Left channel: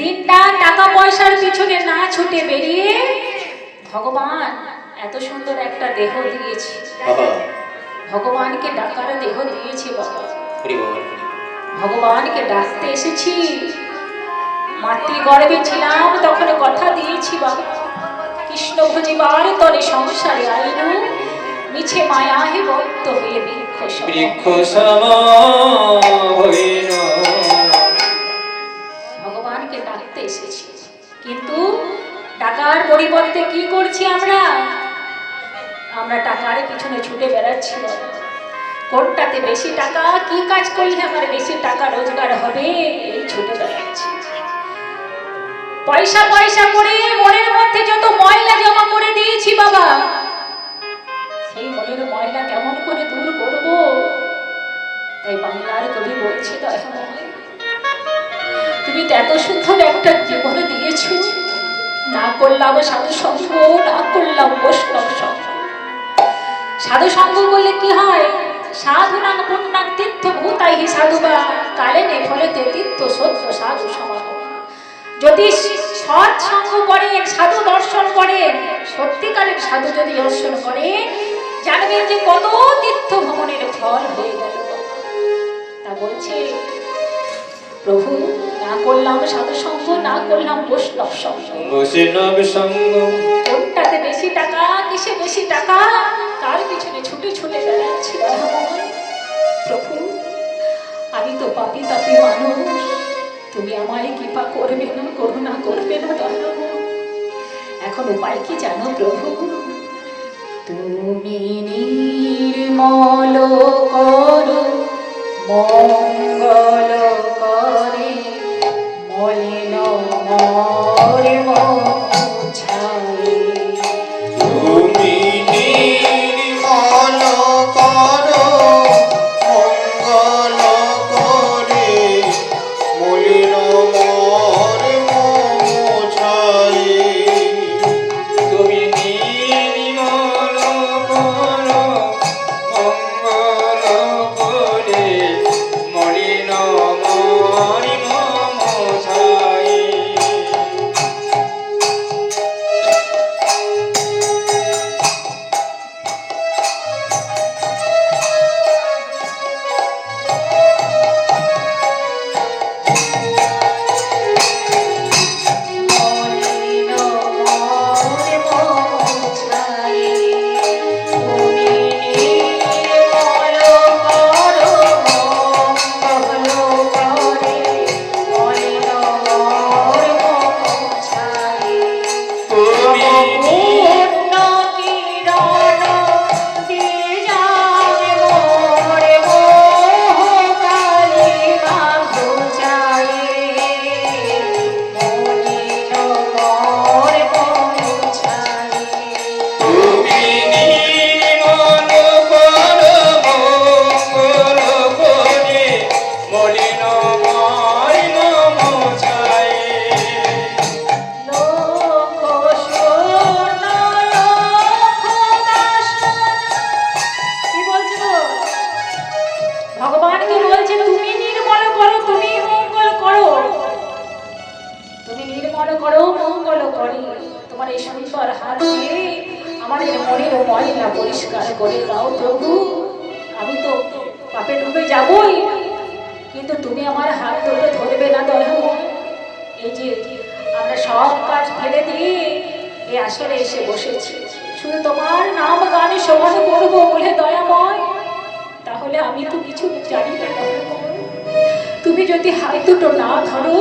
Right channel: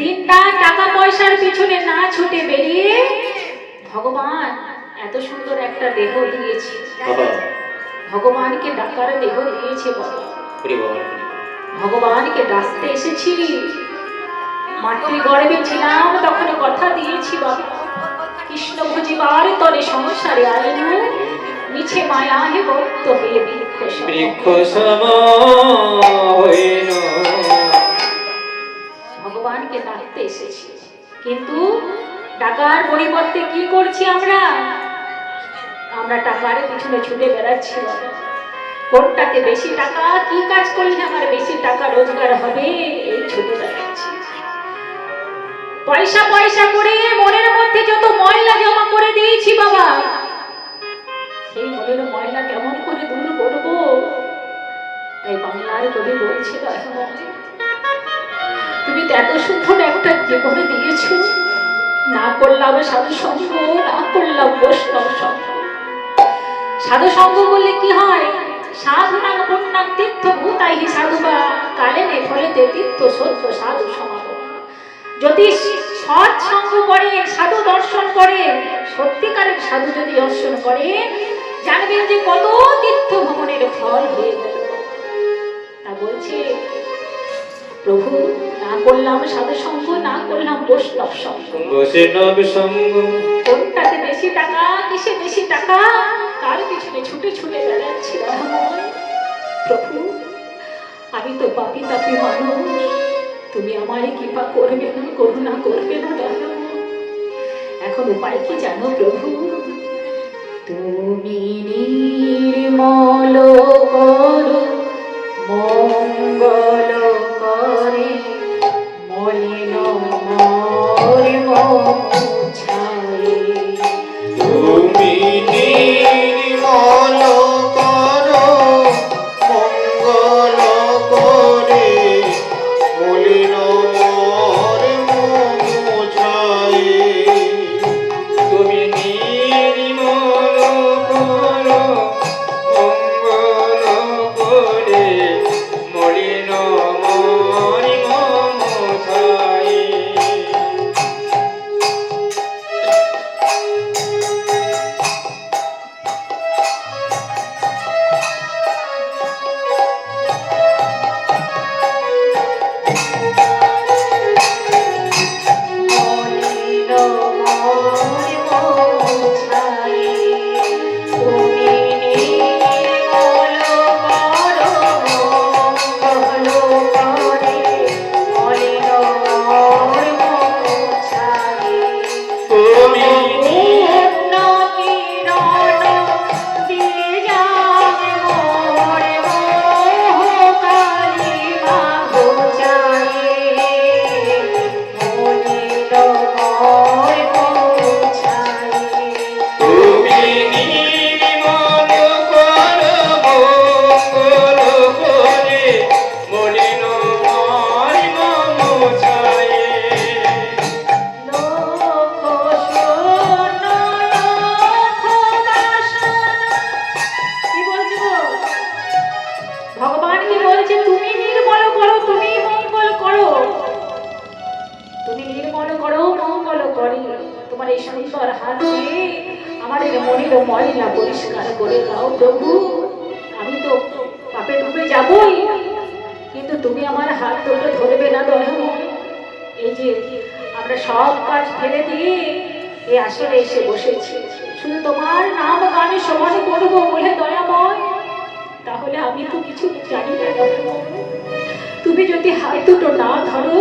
দিনটা টাকা পয়সার পিছনে না ছুটে বেরিয়ে ভগবান এত সুন্দর একটা দেহ দিয়েছে, ভগবানকে ডাকার দেহ দিয়েছে বাবা। ভগবানকে ডাকতে এসেছি। মাতৃগর্ভে ছিলাম তখন কথা দিয়েছি বাবা, কৃষ্ণ ভজিবার তরে সংসারে আইনু, মিছে মায়া হে বক্ত হয়ে বৃক্ষ সম। ভগবানকে ডাকতে এসেছি, কিন্তু টাকার পরিবর্তে কি করছি আমরা? আমরা টাকার পিছনে ছুটে বেড়াচ্ছি। কোনটাতে বেশি টাকা, কি কাজ করলে আমার বেশি টাকা রোজগার হবে, এই ছুটে বেড়াচ্ছি। পয়সা পয়সা করে মনের মধ্যে যত ময়লা জমা করে দিয়েছি বাবা, সেই মনের ময়লা কেমন করে দূর করব? তাই বাংলার কবি বলছি, তুমি তো এত সুন্দর একটা জীবনে দিয়েছ, না করলাম সাধু সঙ্গ, না করলাম বৈষ্ণব সঙ্গ। সাধু সঙ্গ বললে কি হয়? সাধু নাম পুণ্যাং তীর্থ ভূতাই সাধুবা কালে নে ফলেতে তীর্থ সত্য সাধু সমাগম। যদি সৎ সঙ্গ করেন, সাধু দর্শন করেন, সত্যিকারের সাধু যদি দর্শন করেন, জানবেন যে কত তীর্থ ভ্রমণের ফল হয়ে গেল। তা বলছে প্রভু, না করলাম সাধু সঙ্গ, না করলাম বৈষ্ণব সঙ্গ। কোনটাতে বেশি টাকা, কিসে বেশি টাকা, কার পিছনে ছুটে ছুটে বেড়াচ্ছি। প্রভু, আমি তো পাপী তাপী মানুষ, তুমি আমায় কৃপা করবে না, করুণা করবে না। এখন উপায় কি জানো প্রভু? তুমি নির্মল করো মঙ্গল করে, মলিন মোর মোছায়ে। তুমি নির্মল করো মঙ্গল করে, মলিন মোর মোছায়ে। তুমি নির্মল করো মঙ্গল করে, মলিন মোর মোছায়ে। ভগবানকে বলছে তুমি নির্মল করো, তুমি মঙ্গল করো, তুমি নির্মল করো মঙ্গল করে। তোমার এই সুন্দর হাত দিয়ে আমার এই মনের ময়লা পরিষ্কার করে দাও প্রভু। আমি তো পাপে ডুবে যাবই, কিন্তু তুমি আমার হাত ধরে ধরবে না দয়াময়। এই যে আমরা সব কাজ ফেলে দিয়ে এই আসরে এসে বসেছি, শুধু তোমার নাম গানে সবাই করবো বলে দয়াময়। তাহলে আমি তো কিছু জানি না, তুমি যদি হাত দুটো না ধরো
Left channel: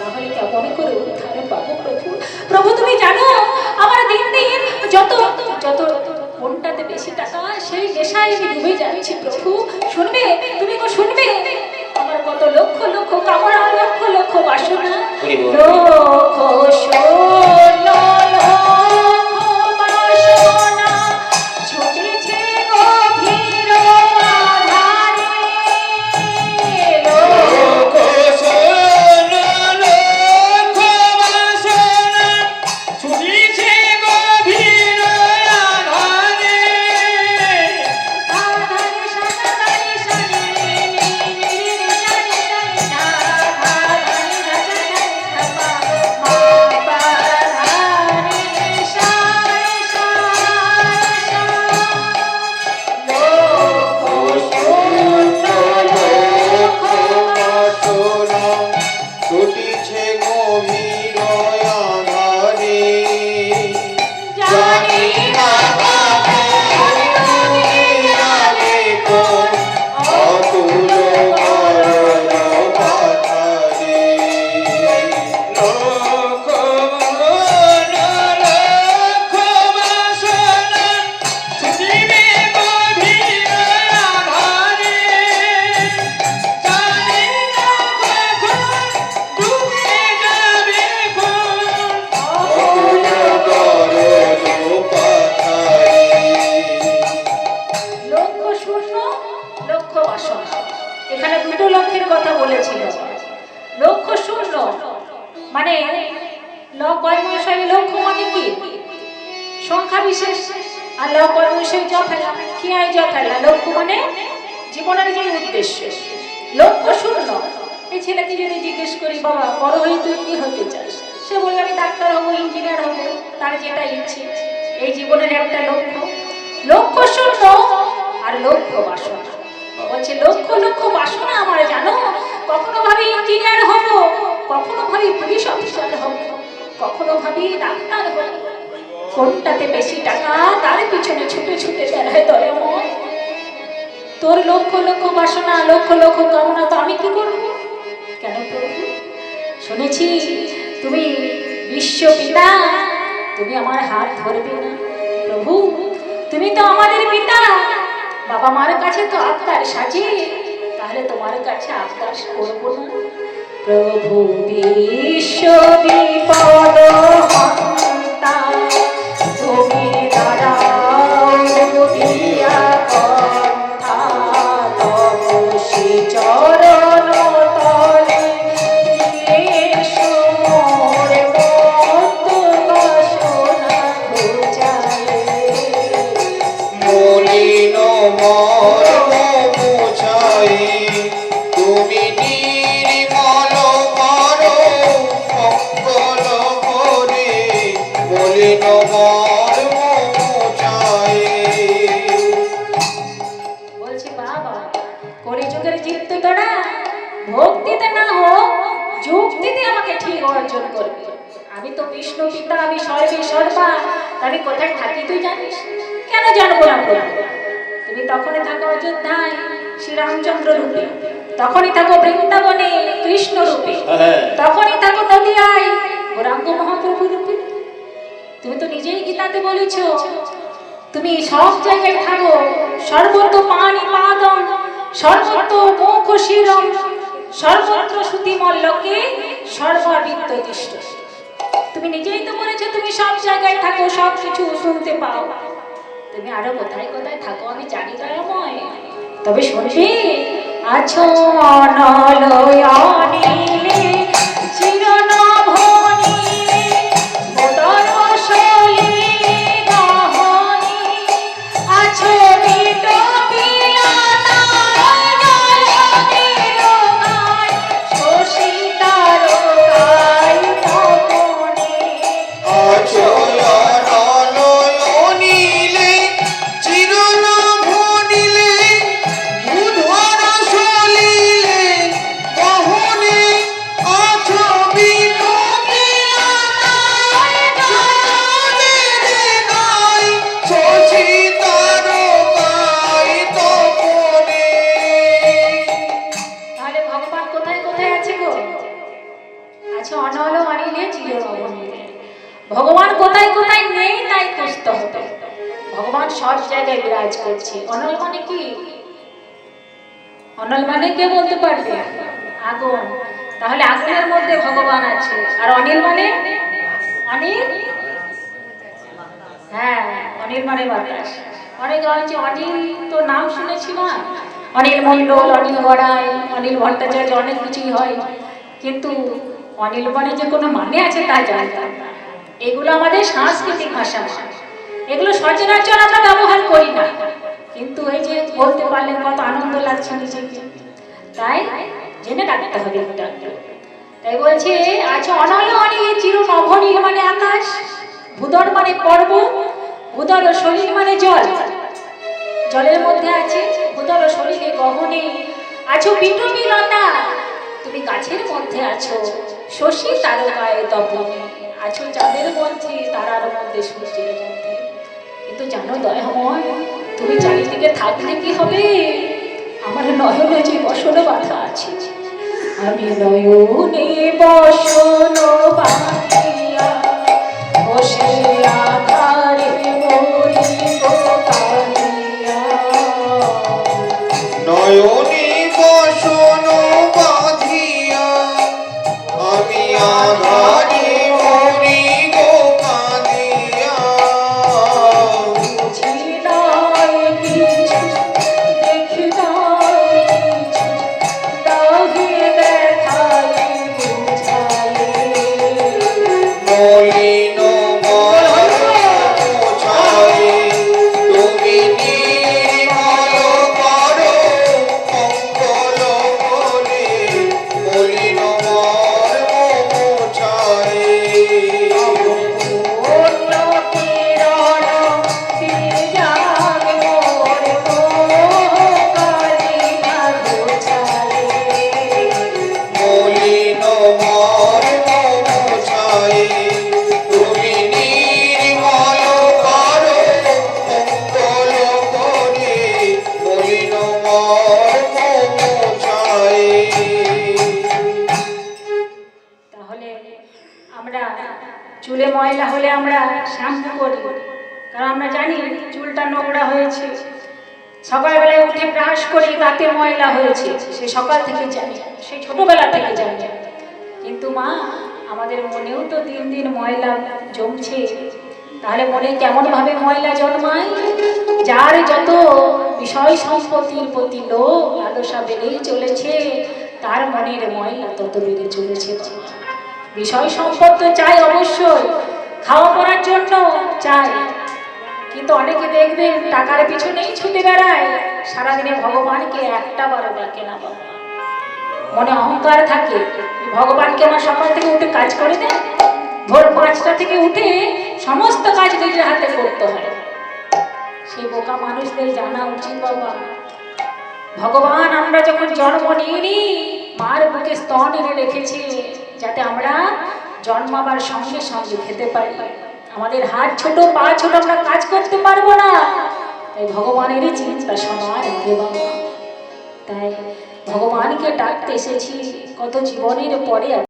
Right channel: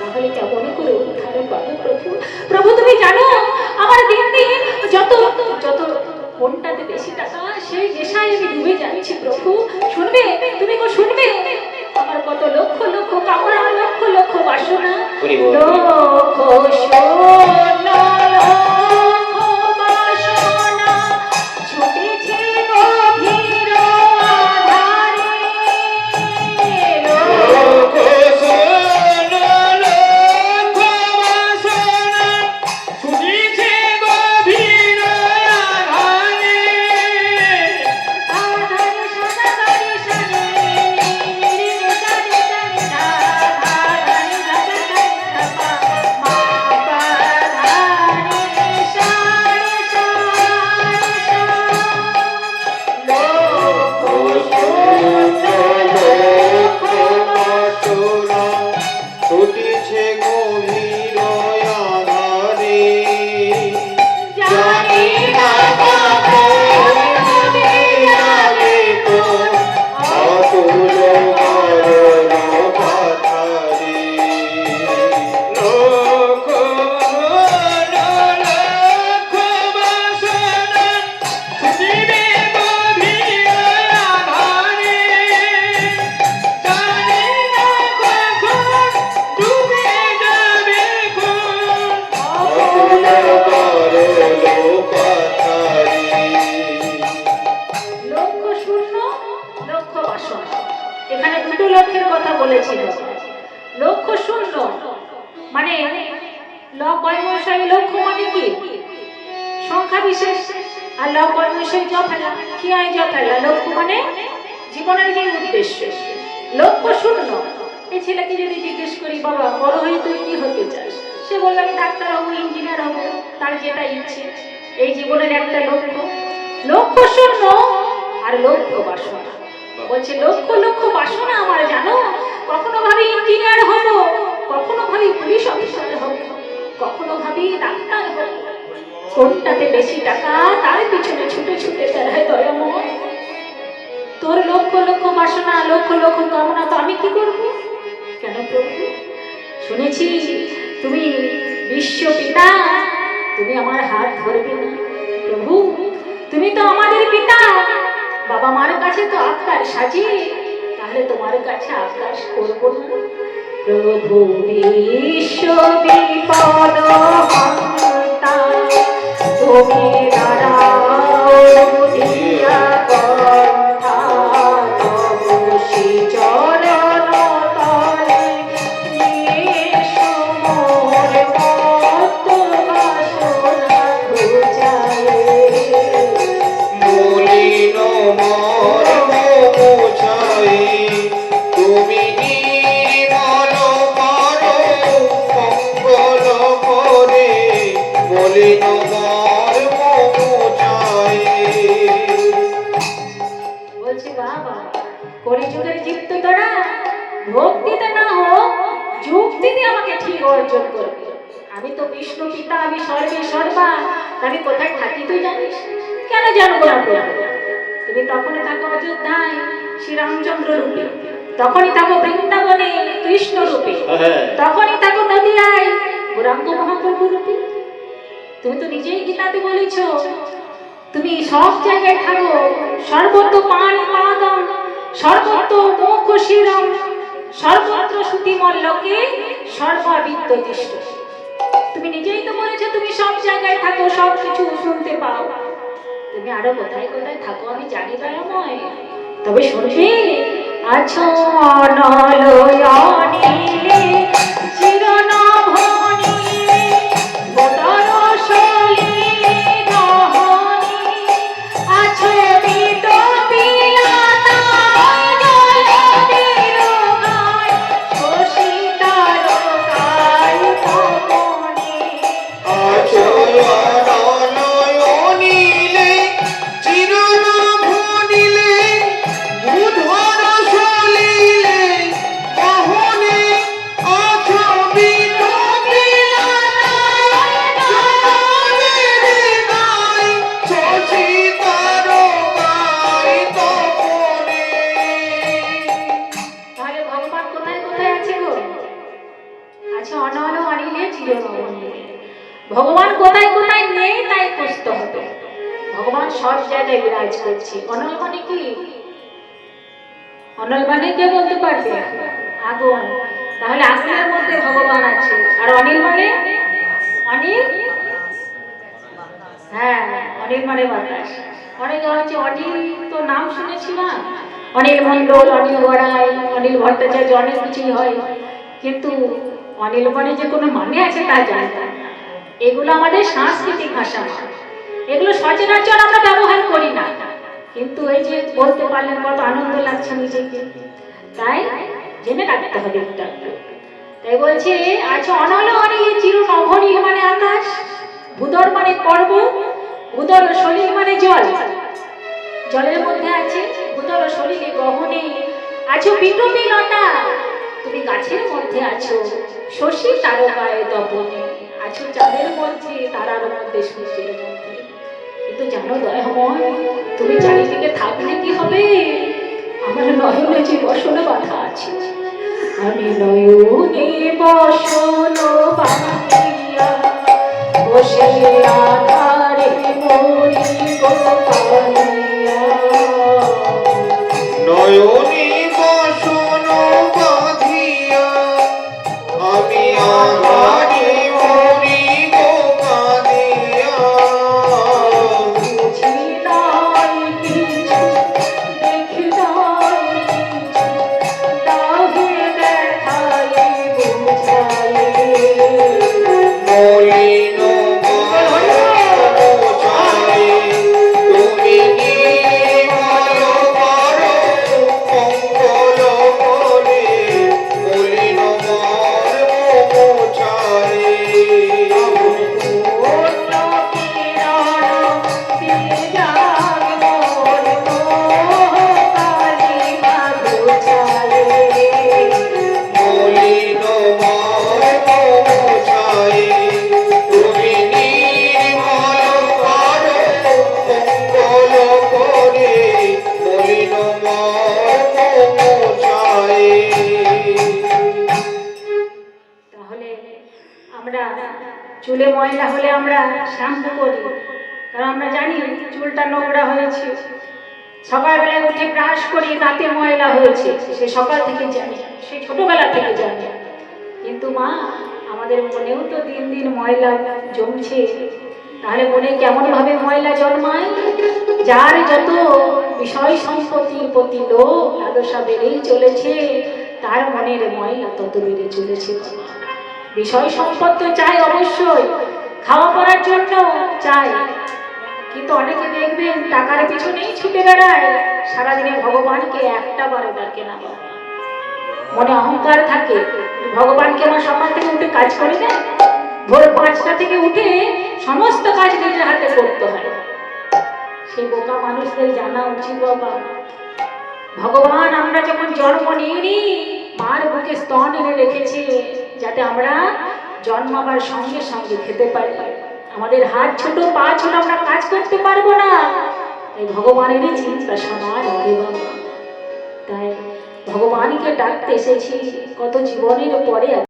তাহলে কেমন করে উদ্ধার পাবো প্রভু? প্রভু তুমি জানো আমার দিন দিন যত যত কোনটাতে বেশি টাকা, সেই নেশায় আমি ডুবে যাচ্ছি প্রভু। শুনবে তুমি, শুনবে আমার কত লক্ষ লক্ষ কামনা, লক্ষ লক্ষ বাসনা, লক্ষ সোনা ছুটেছে গভীর আধারে। কথা বলেছিল, লক্ষ্য শূন্য মানে লক্ষ্য মানে কি? সংখ্যা বিশেষ। আর লক্ষ্য মানে জীবনের যে উদ্দেশ্য। লক্ষ্য শূন্য। এই ছেলেকে যদি জিজ্ঞেস করি, বাবা বড় হয়ে তুই কি হতে চাস, সে বলল আমি ডাক্তার হবো, ইঞ্জিনিয়ার হবো, তার যেটা ইচ্ছে। এই জীবনের একটা লক্ষ্য। লক্ষ্য শূন্য আর লক্ষ্য বাসনা। বলছে লক্ষ্য বাসনা আমার, জানো, কখনো ভাবি ইঞ্জিনিয়ার হব, কখনো ভাবি পুলিশ অফিসার হব, কখনো ভাবি ডাক্তার হব। কোনটাতে বেশি টাকা তার পিছনে ছুটে ছুটে বেড়ায় দয়াময়। তোর লক্ষ্য বাসনা, লক্ষ্য কামনা তো আমি কি করবো? কেন করবো? শুনেছি তুমি বিশ্ব পিতা, তুমি আমার হাত ধরবে না। প্রভু তুমি তো আমাদের পিতা, বাবা মার কাছে তো আবদার সাজি, তাহলে তোমার কাছে আবদার করবো না? প্রভু বিশ্ব বিপদ হন্তা, তুমি দাঁড়াও দিয়া পন্থা, তপসী চরণ তলে এসো মোর পদ্ম বাসনা খুঁজায়ে। মলিন মর্ম বুঝাই, তুমি নির্মল করো মঙ্গল করে, মলিন মর্ম বুঝাই। বলছি বাবা, কলিযুগের জীব তো তোরা, ভক্তিতে না হোক যুক্তিতে আমাকে ঠিক অর্জন করবে। আমি তো বিষ্ণু পিতা, আমি সর্বে সর্বা, আমি কোথায় থাকি তুই জানিস? কেন জানবো না? তুমি তখনই থাকো অযোধ্যায় শ্রীরামচন্দ্র রূপে, তখনই থাকো বৃন্দাবনে কৃষ্ণ রূপে, তখনই থাকো নদিয়ায় গৌরাঙ্গ মহাপ্রভু রূপে। তুমি তো নিজেই গীতাতে বলেছ তুমি সব জায়গায় থাকো, সর্বত্র পানি পাদম, সর্বত্র মুখ শিরম, সর্বত্র শ্রুতিমল্লকে সর্বাবিত্ত তিষ্ঠ। তুমি নিজেই তো বলেছো তুমি সব জায়গায় থাকো, সব কিছু শুনতে পাও। তুমি আরো কোথায় কোথায় থাকো আমি জানি না নয়, তবে শুনবে আছো অনলয়নি চিরনভনি বদর সলিলে গহনি, আছো বিট বিলাতা জলধির গায়, শশী তারকায় তপনে। আছো অনলয়নিলে চিরনভনিলে, বুধর সলিলে গহনে, আছো বিট বিলাতায় জলধির গায়, শশী তারকায় তপনে। তাহলে ভগবান কোথায় কোথায় আছে গো? আচ্ছা অনল আনিলে চিরনভনিলে। ভগবান কোথায় কোথায় নেই তাই খুঁজতে হবে। ভগবান সব জায়গায় বিরাজ করছে। অনল মানে কি? অনল মানে কে বলতে পারবে? আগুন। তাহলে আগুনের মধ্যে ভগবান আছে। আর অনিল মানে? অনিল, হ্যাঁ অনিল মানে বাতাস। অনেকে অনেকে অনিল তো নাম শুনেছি না, অনিল মণ্ডল, অনিল গড়াই, অনিল ভট্টাচার্য, অনেক কিছুই হয়, কিন্তু অনিল মানে যে কোনো মানে আছে তা জানতাম না। এগুলো আমাদের সাংস্কৃতিক ভাষা, এগুলো সচরাচর আমরা ব্যবহার করি না, কিন্তু এই যে বলতে পারলে কত আনন্দ লাগছে নিজেকে, তাই জেনে রাখতে হবে একটা। তাই বলছে আচ্ছা অনল অনিল চির নভনীল মানে আকাশ, ভূদর মানে পর্বত, ভূদর সলিল মানে জল, জলের মধ্যে আছে ভূদর সলিলে গহনে, আছো বিটবিলতা, তুমি গাছের মধ্যে আছো, শশী তারকায় তপনে, আছো চাঁদের মধ্যে, তারার মধ্যে, সূর্যের মধ্যে। কিন্তু জানো দয়াময়, তুমি চারিদিকে থাকলে কি হবে? আমার নয়নে যে বসন বাঁধা আছে, আমি নয়নে বসন বাঁধিয়া বসে আধারে মরিব কাঁদিয়া। নয়নে বসন বাঁধিয়া আমি আধারে মরিব কাঁদিয়া। বুঝি নাই কিছু, দেখি নাই কিছু, দাহে আমরা চুলে ময়লা হলে আমরা শ্যাম্পু করি, কারণ আমরা জানি চুলটা নোংরা হয়েছে। সকালবেলায় উঠে ব্রাশ করি, দাঁতে ময়লা হয়েছে, সে সকাল থেকে জানি, সে ছোটবেলা থেকে জানি। কিন্তু মা, আমাদের মনেও তো দিন দিন ময়লা জমছে। তাহলে মনে কেমন ভাবে ময়লা জন্মায়? যার যত বিষয় সম্পত্তির প্রতি লোভ লালসা বেড়েই চলেছে, তার মনের ময়লা তত বেড়ে চলেছে। বিষয় সম্পদ তো চাই অবশ্যই, খাওয়া পড়ার জন্য চাই, কিন্তু অনেকে দেখবেন টাকার পিছনেই ছুটে বেড়ায়, সারাদিনে ভগবানকে একটা বারো ডাকে না। মনে অহংকার থাকে, ভগবানকে আমার সকাল থেকে উঠে কাজ করে দেয়, ভোর 5টা থেকে উঠে সমস্ত কাজ নিজের হাতে করতে হয়। সেই বোকা মানুষদের জানা উচিত বাবা, ভগবান আমরা যখন জন্ম নিইনি, মার বুকে স্তন এনে রেখেছে যাতে আমরা জন্মাবার সঙ্গে সঙ্গে খেতে পারি। আমাদের হাত ছোট, পা ছোট, আমরা কাজ করতে পারবো না। তাই ভগবানেরই চিন্তা সবার আগে বাবা। তাই ভগবানকে ডাকতে এসেছি কত জীবনের পরে।